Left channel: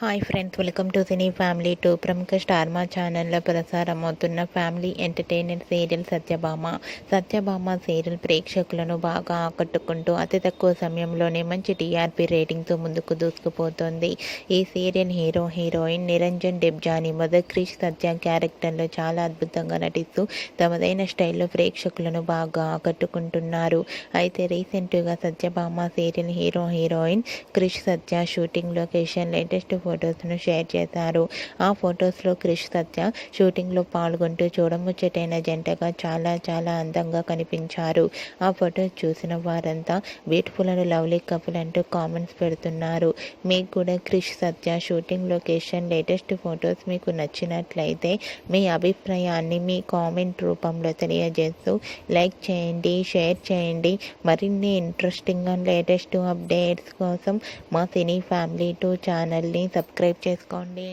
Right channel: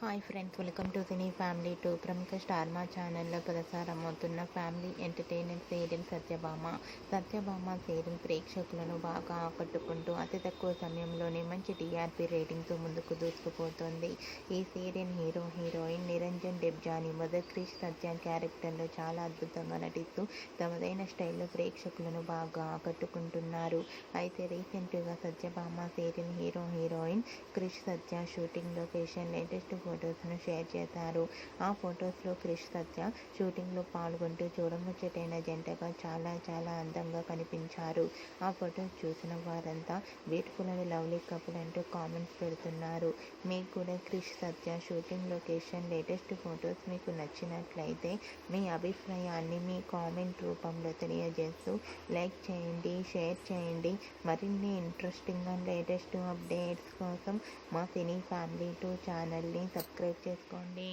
Hi friends, welcome to cine family two. ప్రముఖ star Maa ఛానల్లో ప్రసారమవుతున్న family entertainer serial Satyabhama serial ప్రేక్షకులను బాగా ఆకట్టుకుంటూ అతి తక్కువ సమయంలోనే మంచి టీఆర్పీ రేటింగ్తో ముందుకు దూసుకుపోతోంది. ఈ serial heroine Niranjan Debjani mother Krish Satya క్యారెక్టర్లో చాలా అద్భుతంగా నటిస్తూ తమదైన స్టైల్లో ప్రేక్షకులను బాగా ఆకట్టుకుంటున్నారు. అయితే రీసెంట్గా సత్యభామ సీరియల్ హీరోయిన్ క్రిష్ సత్య షూటింగ్ లొకేషన్ లేటెస్ట్ ఫొటోస్ను షేర్ చేశారు. ఆ ఫొటోస్లో క్రిష్ సత్య షూటింగ్లో పాల్గొంటూ చూడముచ్చటైన జంటగా చాలా అందంగా కనిపించారు. ఆ ఫొటోస్ చూసిన వారంతా బ్యూటిఫుల్ అండ్ లవ్లీ కపుల్ అంటూ కామెంట్స్ పెడుతున్నారు. మీకు కూడా క్రిష్ సత్య షూటింగ్ లొకేషన్ లేటెస్ట్ ఫొటోస్ మీకు నచ్చినట్లయితే మీ అభిప్రాయాన్ని మీ కామెంట్ రూపంలో తెలియజేస్తూ లైక్ చేయండి, షేర్ చేయండి. మరిన్ని ఇంట్రెస్టింగ్ అండ్ లేటెస్ట్ అప్డేట్స్ కోసం మా సినీ ఫ్యామిలీ టూ ఛానల్ని సబ్స్క్రైబ్ చేసుకోండి.